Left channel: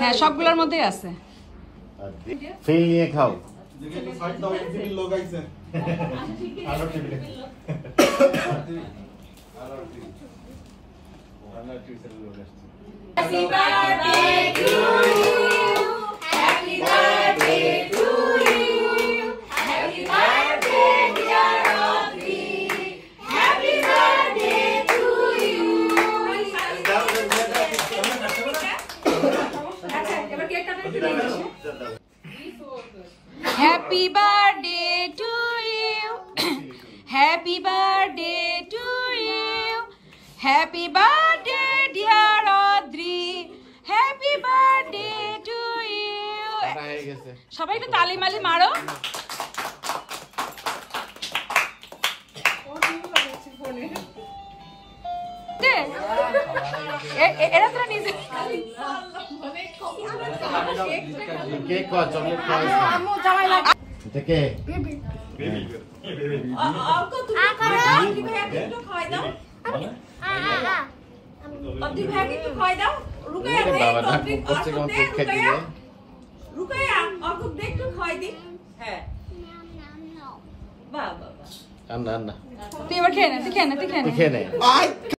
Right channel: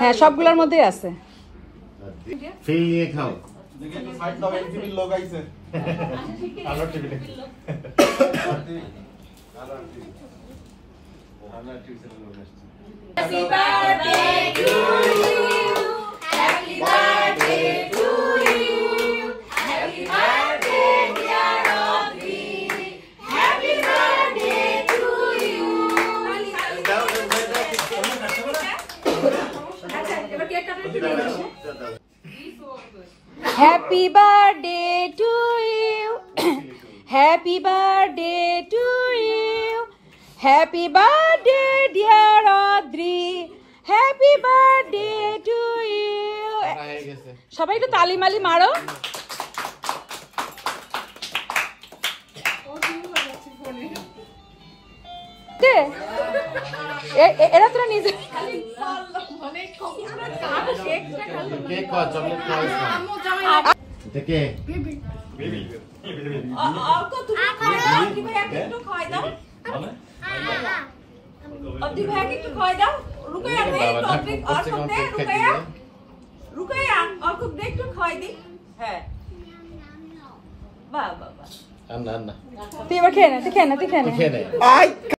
হ্যাঁ সবগুলোর মধ্যে আছে ফিরিয়ে খাও Happy birthday to you. Happy birthday to you. Happy birthday dear Audrey. Happy birthday to you. Happy birthday to you. Happy birthday to you. Happy birthday dear Audrey. Happy birthday to you. সবাই একটু তালি মালি মারো। এরা তো নিজে cake কত chocolate খাওয়াইছ এটা কে তুই এবার খেয়ে নে তুই খেয়ে নে